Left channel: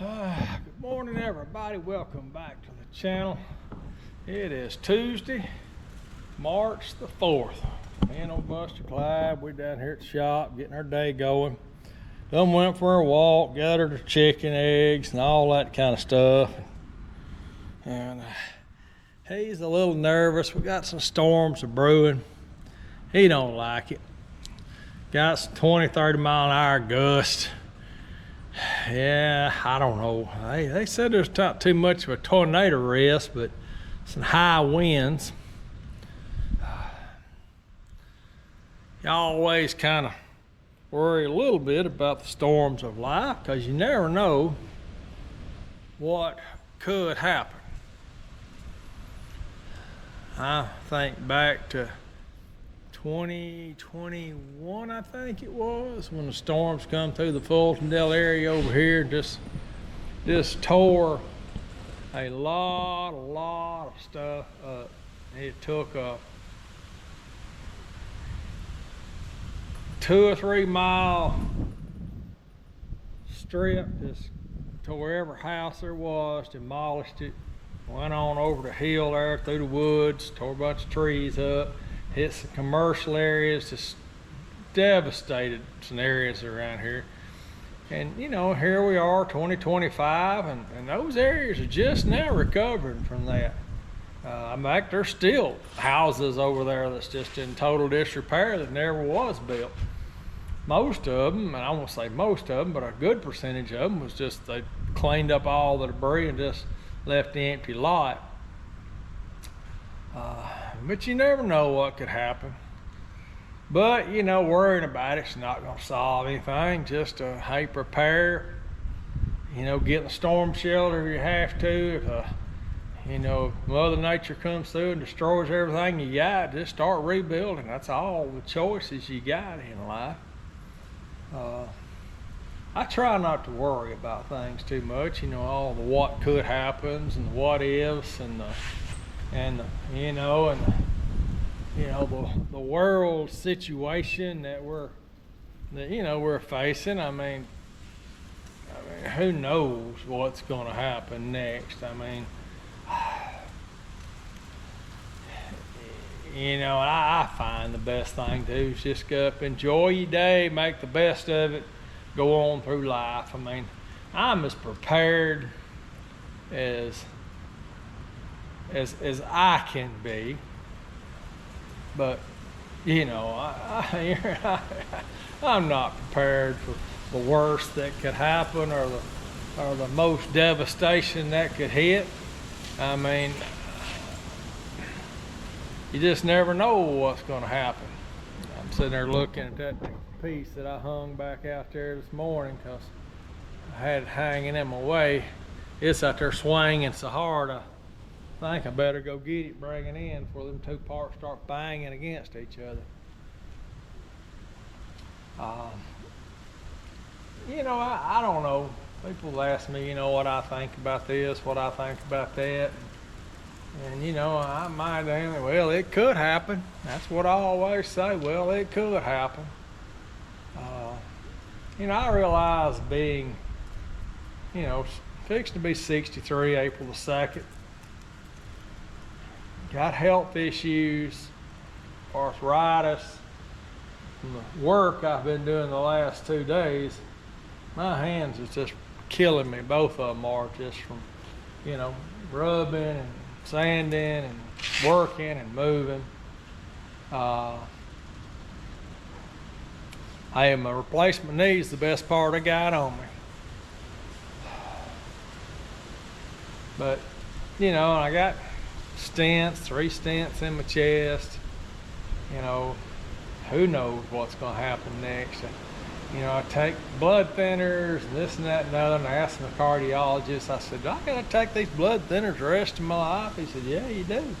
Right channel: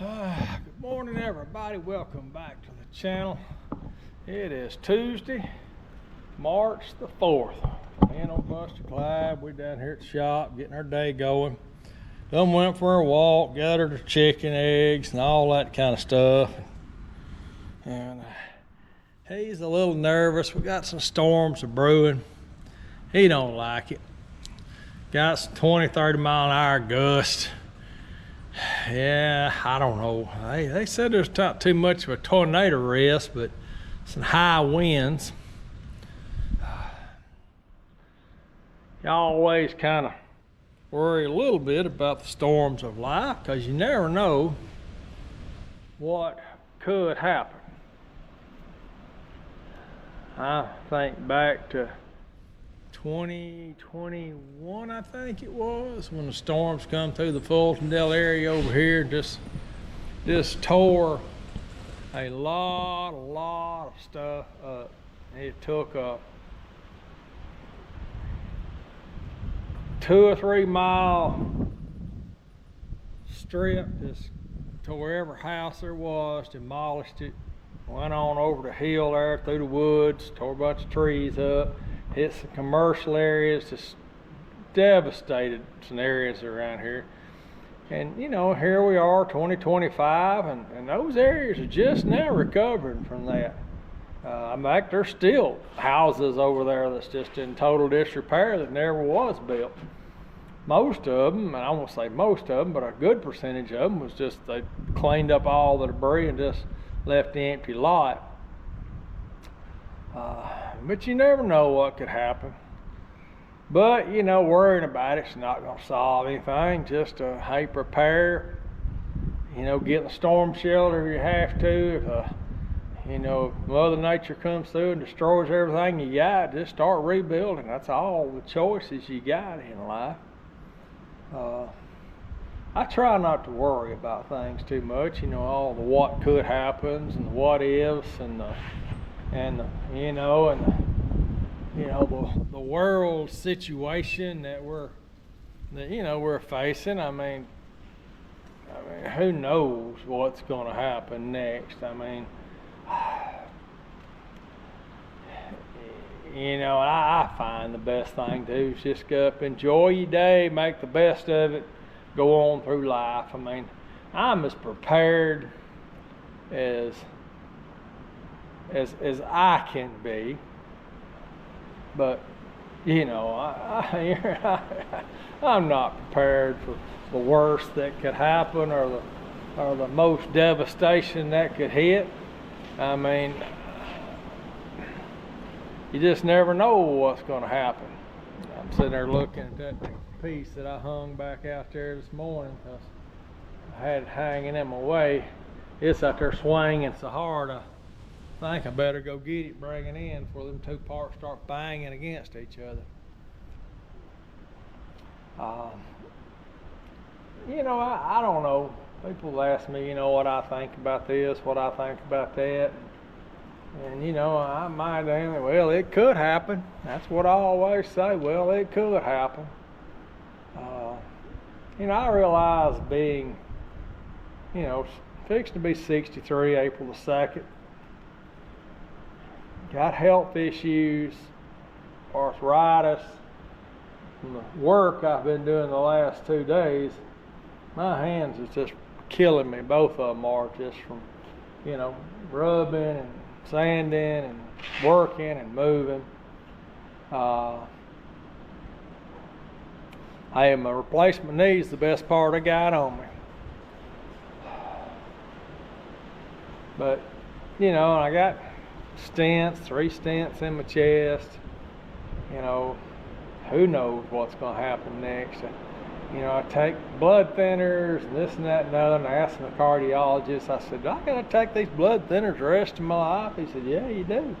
Good morning, everybody. Welcome back to the channel. It is Tuesday, March the 4th. Me and old Buster Clyde, we're down here at the shop getting our day going. Then went for a walk, gathered our chicken eggs and all that kind of stuff. And he's a little nervous. We got some storms brewing. He don't like it. Got some 20, 30 mile an hour gusts. Yeah, I don't know. They said there's not too much of a tornado risk, but some high winds. You always kind of worry a little bit about the storms of life because you never know what could happen. I think back to 2021, I think it was, when the storms come through the Fultondale area over here, just tore a lot of stuff up. It took a 2 or 3 mile strip, just tore every house there was, demolished it, went on over the hill there through the woods, tore a bunch of trees up. Hit some commercial areas, just devastated some areas around here. And you know, here we are, 2025, and those areas are just now recovering from that. In fact, there's still houses over there that's just in total disrepair that never was built. Most of them, and I won't say most of them, but a good percentage of them was just they cleaned up all the debris and just left the empty lot. But you never know what could happen. But, you know, worrying about it's not going to solve anything. Just hey, prepare. You know, get in the storm shelter if you have to. If, you know, Mother Nature comes through and destroys everything you got, just start rebuilding. That's all the choices you got in life. I try not to worry about things too much. You know, all the what could happens and the what ifs and the the world situation that we're facing. I mean, who knows what's going to happen next? I mean, I find the best thing to do is just go up, enjoy your day, make the best of it, go on through life. I mean, I'm as prepared as I can be, but you know, I'm not prepared for the worst that could happen or the most devastation that could hit. I mean, you just never know what's going to happen. I'm sitting there looking at that piece that I hung back out there this morning because I had it hanging in my way. It's out there swinging so hard. I think I better go get it, bring it in before them two parts start banging against each other. I don't know. People ask me, you know, what I think about this, what I think about that. And you know, I might think, well, it could happen. That's what I always say. Well, it could happen. I realize being, fixing to be 63 April the 2nd. Got health issues, arthritis, from the work I've been doing the last 2 days. My hands is just killing me. Both of them are, just from, rubbing and sanding and working and moving. My replacement knee is the best part I got on me. But, I got stents, 3 stents in my chest. Who knows what's going to happen next. I take blood thinners and this and that and other, and I asked my cardiologist, I said, do I got to take these blood thinners the rest of my life? He said, yeah, you do.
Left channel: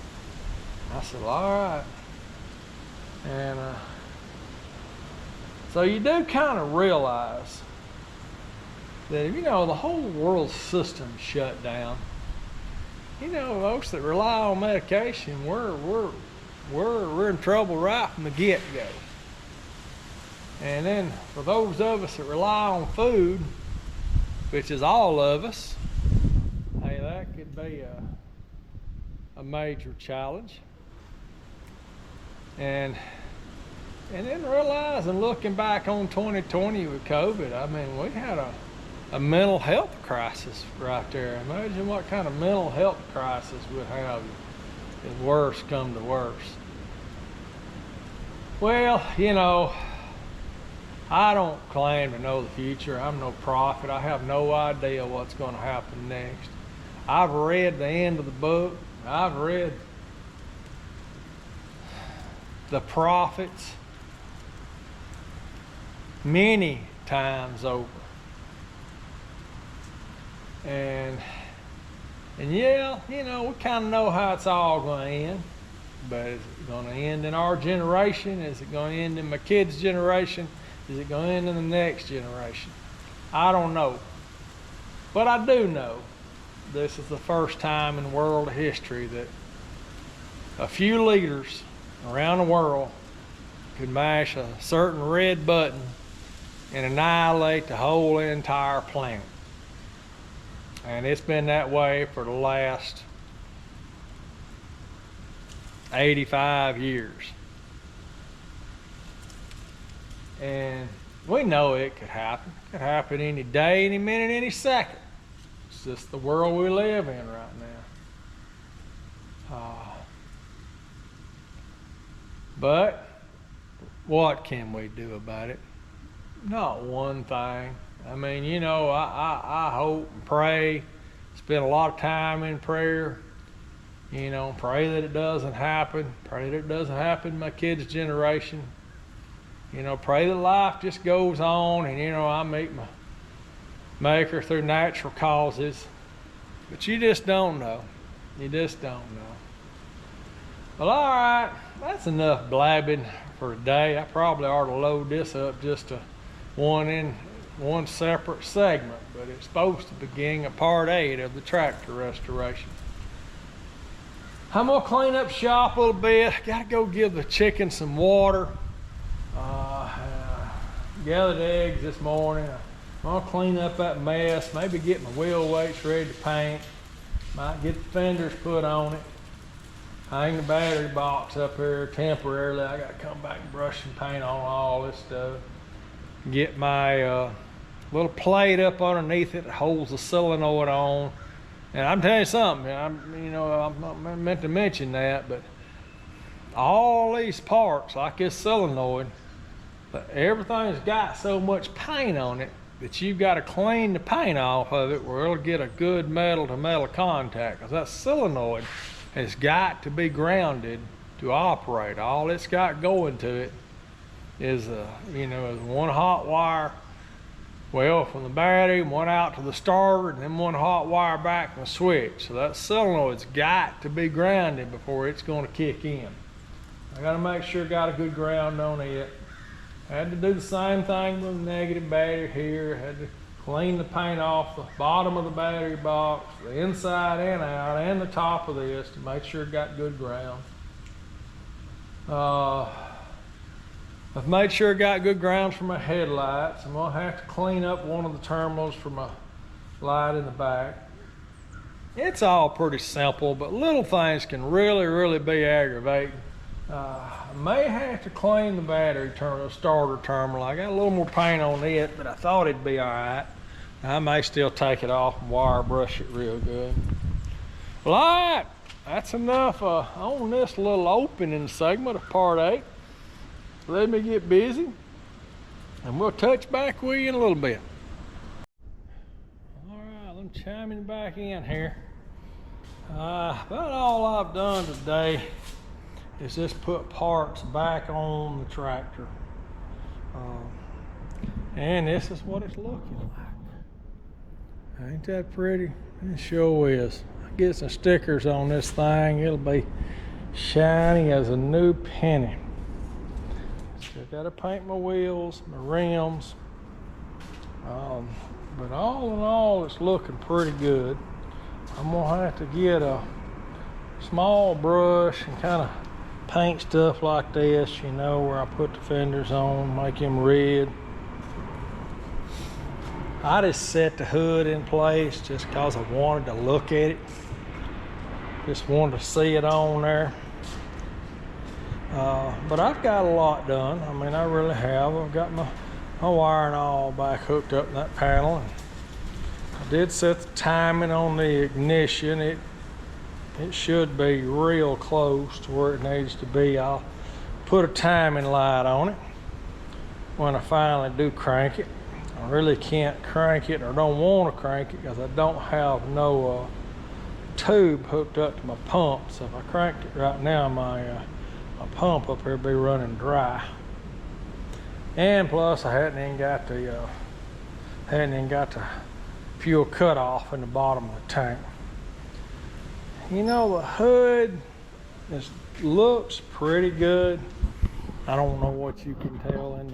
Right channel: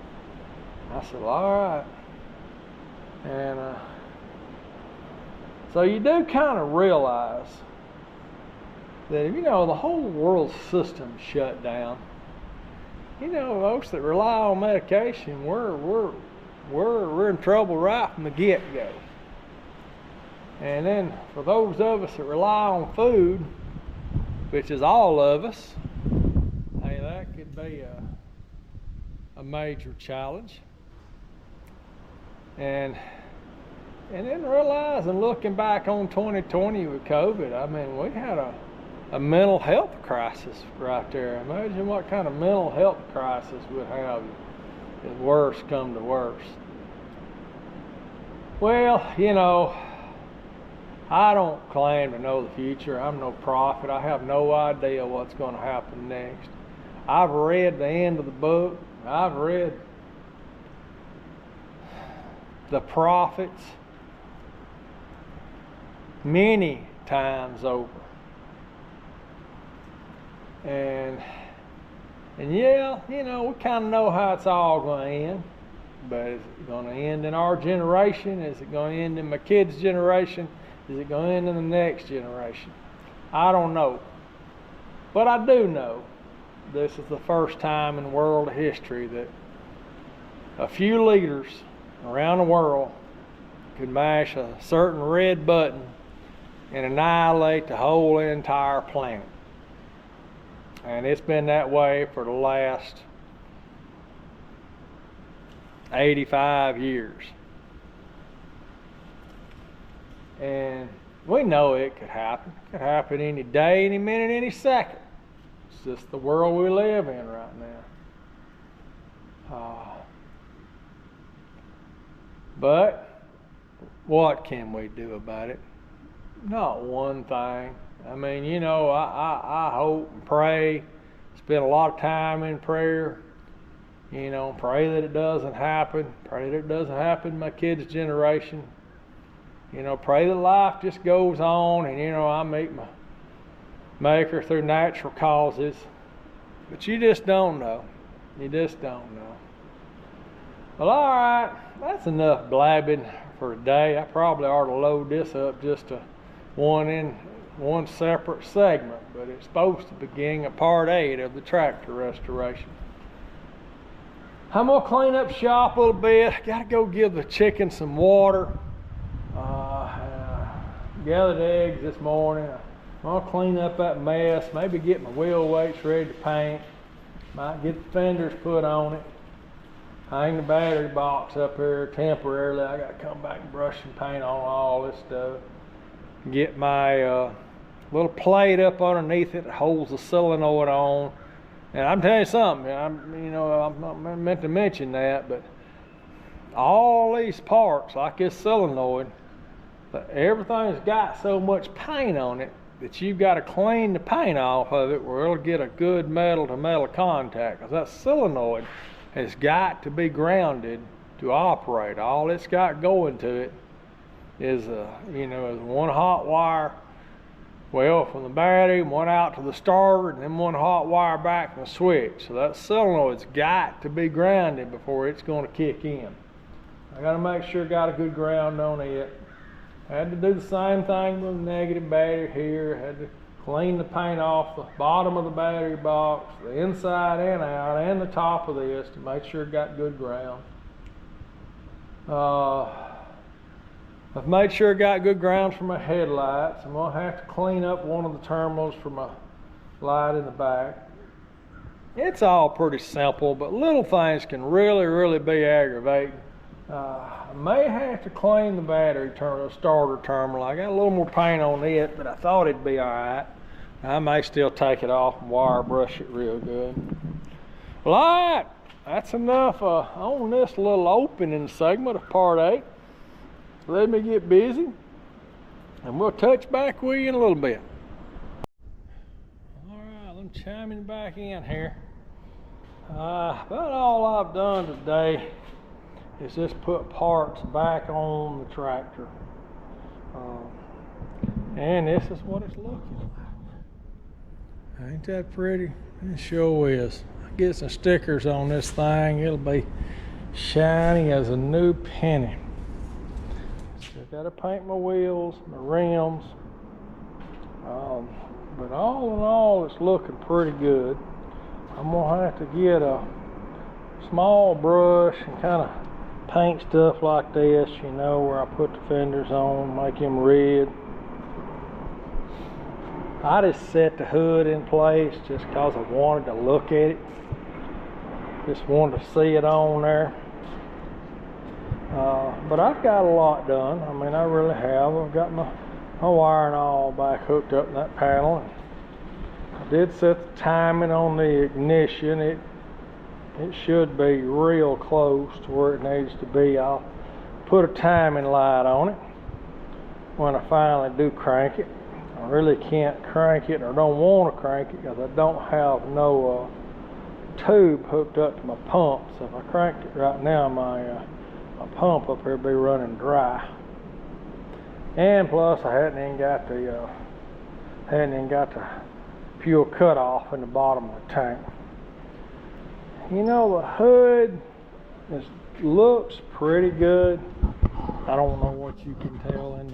I said, well, all right. And so you do kind of realize that, the whole world system shut down. Folks that rely on medication, we're in trouble right from the get-go. And then for those of us that rely on food, which is all of us, hey, that could be a major challenge. And then realizing, looking back on 2020 with COVID, I mean, we had a mental health crisis right there. Imagine what kind of mental health crisis we'd have if worse come to worse. Well, you know, I don't claim to know the future. I'm no prophet. I have no idea what's going to happen next. I've read the end of the book. I've read the prophets many times over. And yeah, you know, we kind of know how it's all going to end. But is it going to end in our generation? Is it going to end in my kids' generation? Is it going to end in the next generation? I don't know. But I do know this is the first time in world history that a few leaders around the world could mash a certain red button and annihilate the whole entire planet. And it's been that way for the last 85 years. And we know it could happen. It could happen any day, any minute, any second. It's just the world we live in right now. But what can we do about it? Not one thing. I mean, you know, I hope and pray, spend a lot of time in prayer. You know, pray that it doesn't happen. Pray that it doesn't happen in my kids' generation. You know, pray that life just goes on and, you know, I meet my Maker through natural causes. But you just don't know. You just don't know. Well, all right. That's enough blabbing for today. I probably ought to load this up just to one separate segment. But it's supposed to begin a part 8 of the tractor restoration. I'm going to clean up shop a little bit. Got to go give the chicken some water. Gathered eggs this morning. I'm going to clean up that mess. Maybe get my wheel weights ready to paint. Might get the fenders put on it. Hang the battery box up here temporarily. I got to come back and brush and paint on all this stuff. Get my little plate up underneath it that holds the solenoid on. And I'm telling you something, I'm not meant to mention that, but all these parts, like this solenoid, everything's got so much paint on it that you've got to clean the paint off of it where it'll get a good metal to metal contact. Because that solenoid has got to be grounded to operate. All it's got going to it is one hot wire. Well, from the battery, one out to the starter, and then one hot wire back from the switch. So that solenoid's got to be grounded before it's going to kick in. I got to make sure I got a good ground on it. Had to do the same thing with the negative battery here. Had to clean the paint off the bottom of the battery box, the inside and out, and the top of this to make sure it got good ground. I've made sure I got good grounds for my headlights. I'm going to have to clean up one of the terminals for my light in the back. It's all pretty simple, but little things can really, really be aggravating. I may have to clean the battery starter terminal. I got a little more paint on it, but I thought it'd be all right. I may still take it off and wire brush it real good. Well, all right, that's enough on this little opening segment of part 8. Let me get busy, and we'll touch back with you in a little bit. All right, I'm chiming back in here. About all I've done today is just put parts back on the tractor. And this is what it's looking like. Ain't that pretty? It sure is. I get some stickers on this thing. It'll be shiny as a new penny. Still gotta paint my wheels, my rims. But all in all, it's looking pretty good. I'm gonna have to get a small brush and kind of paint stuff like this, you know, where I put the fenders on, make them red. I just set the hood in place just because I wanted to look at it. Just wanted to see it on there. But I've got a lot done. I mean, I really have. I've got my wiring all back hooked up in that panel. And I did set the timing on the ignition. It should be real close to where it needs to be. I'll put a timing light on it when I finally do crank it. I really can't crank it, or don't want to crank it, because I don't have no tube hooked up to my pump. So if I cranked it right now, my pump up here would be running dry. And plus, I hadn't even got the fuel cutoff in the bottom of the tank. You know, the hood looks pretty good. I don't know what you can tell in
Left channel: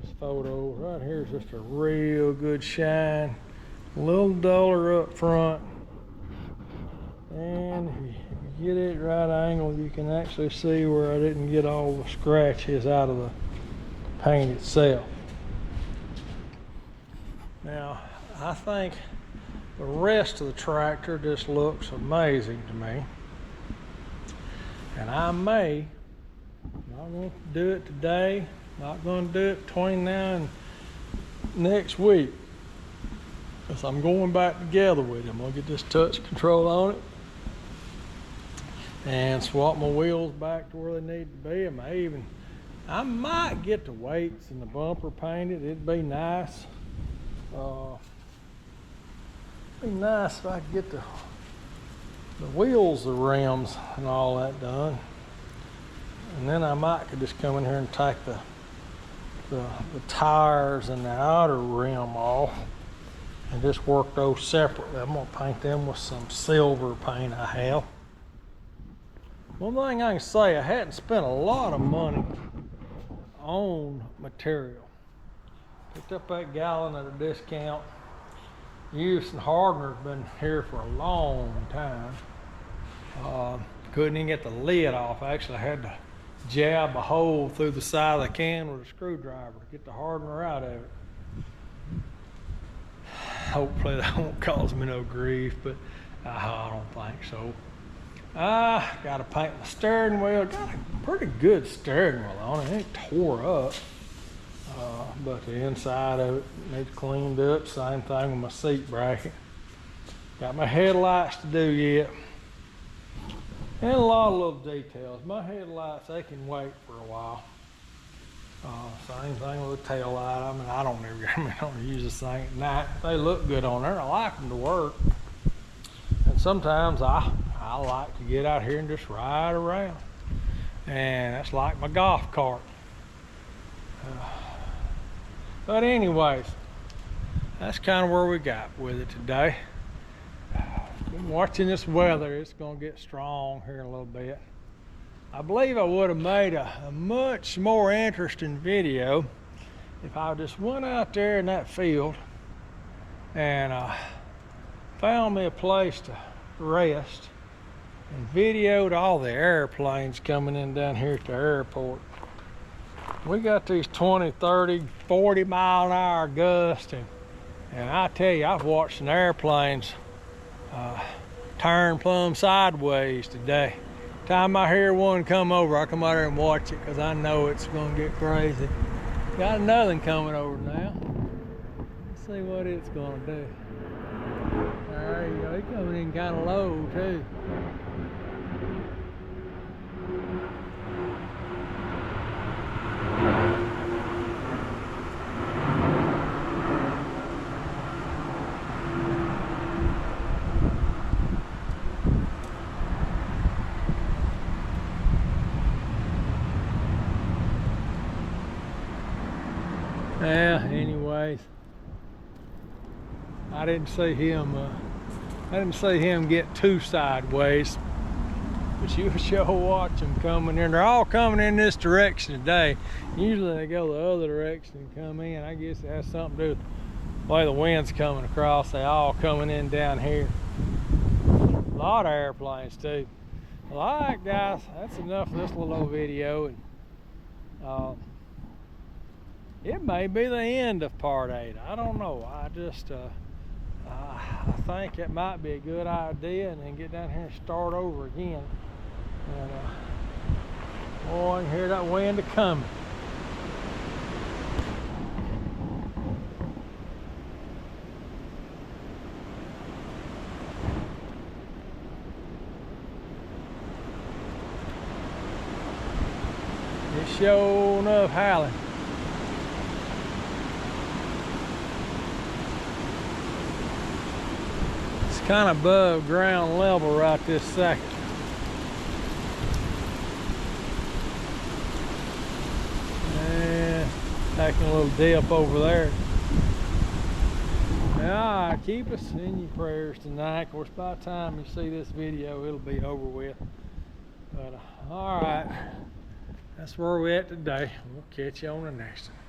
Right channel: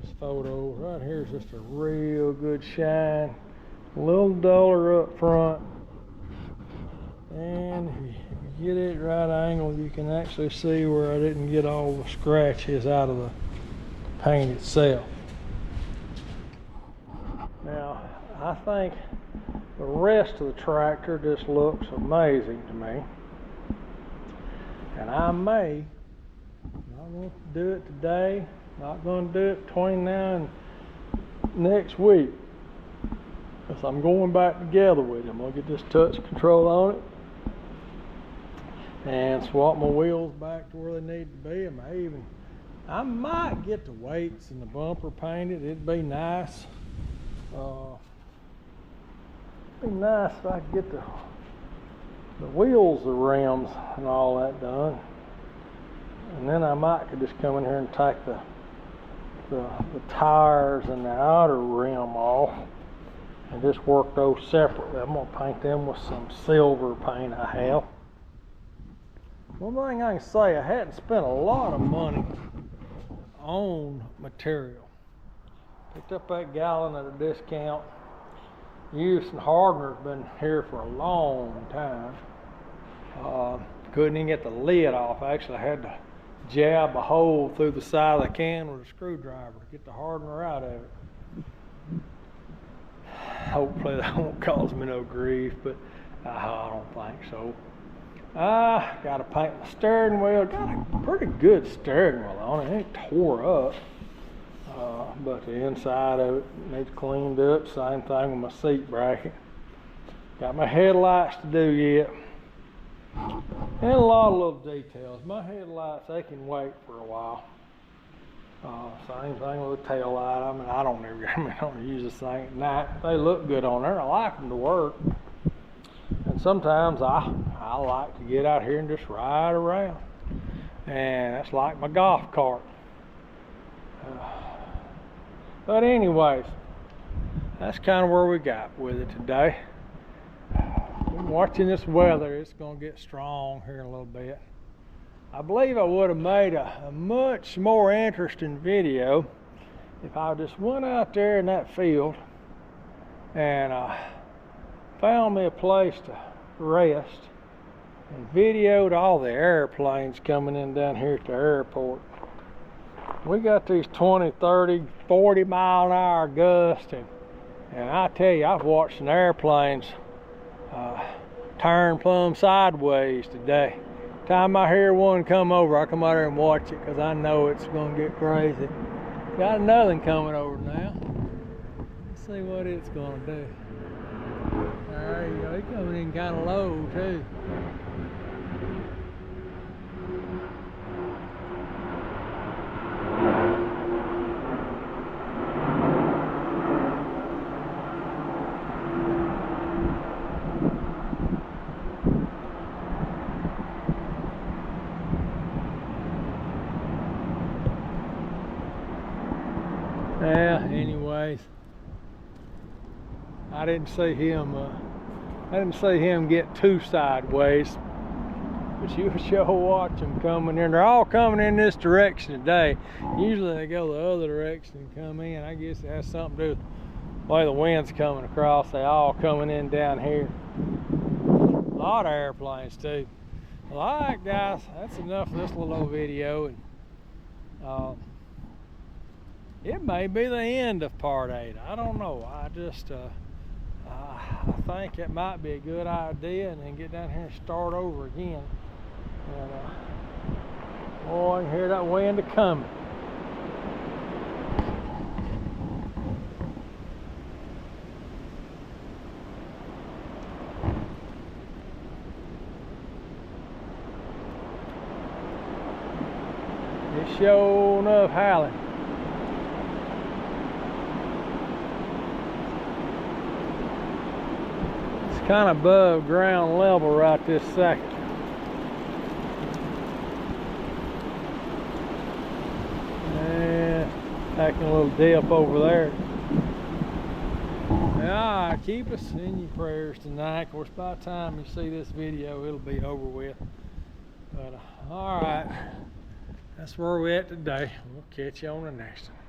this photo. Right here is just a real good shine. A little duller up front. And if you get it right angle, you can actually see where I didn't get all the scratches out of the paint itself. Now, I think the rest of the tractor just looks amazing to me. And I may, not going to do it today, not going to do it between now and next week, because I'm going back together with it. I'm going to get this touch control on it and swap my wheels back to where they need to be. I might get the weights and the bumper painted. It'd be nice. It'd be nice if I could get the wheels, the rims, and all that done. And then I could just come in here and take the tires and the outer rim off and just work those separately. I'm gonna paint them with some silver paint I have. One thing I can say, I hadn't spent a lot of money on material. Picked up that gallon at a discount. Used hardener's been here for a long time. Couldn't even get the lid off. Actually, I had to jab a hole through the side of the can with a screwdriver to get the hardener out of it. Hopefully that won't cause me no grief, but I don't think so. Got to paint my steering wheel. Got a pretty good steering wheel on it. It ain't tore up. But the inside of it needs cleaned up. Same thing with my seat bracket. Got my headlights to do yet. And a lot of little details. My headlights, they can wait for a while. Same thing with the tail light. I mean, I don't use this thing at night. They look good on there. I like them to work. And sometimes I like to get out here and just ride around. And that's like my golf cart. But anyways, that's kind of where we got with it today. Been watching this weather. It's going to get strong here in a little bit. I believe I would have made a much more interesting video if I just went out there in that field and found me a place to rest and videoed all the airplanes coming in down here at the airport. We got these 20, 30, 40 mile an hour gusts, and I tell you, I've watched some airplanes turn plumb sideways today. Time I hear one come over, I come out here and watch it because I know it's going to get crazy. Got another one coming over now. Let's see what it's going to do. There you go. He's coming in kind of low too. Yeah, anyways, I didn't see him get too sideways, but you sure watch them coming in. They're all coming in this direction today. Usually they go the other direction and come in. I guess it has something to do with the way the wind's coming across. They all coming in down here. A lot of airplanes too. Well, all right, guys, that's enough of this little old video. And it may be the end of part 8. I don't know. I just I think it might be a good idea, and then get down here and start over again. And boy, I can hear that wind a coming. It's sure enough howling. It's kind of above ground level right this second. And taking a little dip over there. Yeah, keep us in your prayers tonight. Of course, by the time you see this video, it'll be over with. But all right, that's where we're at today. We'll catch you on the next one.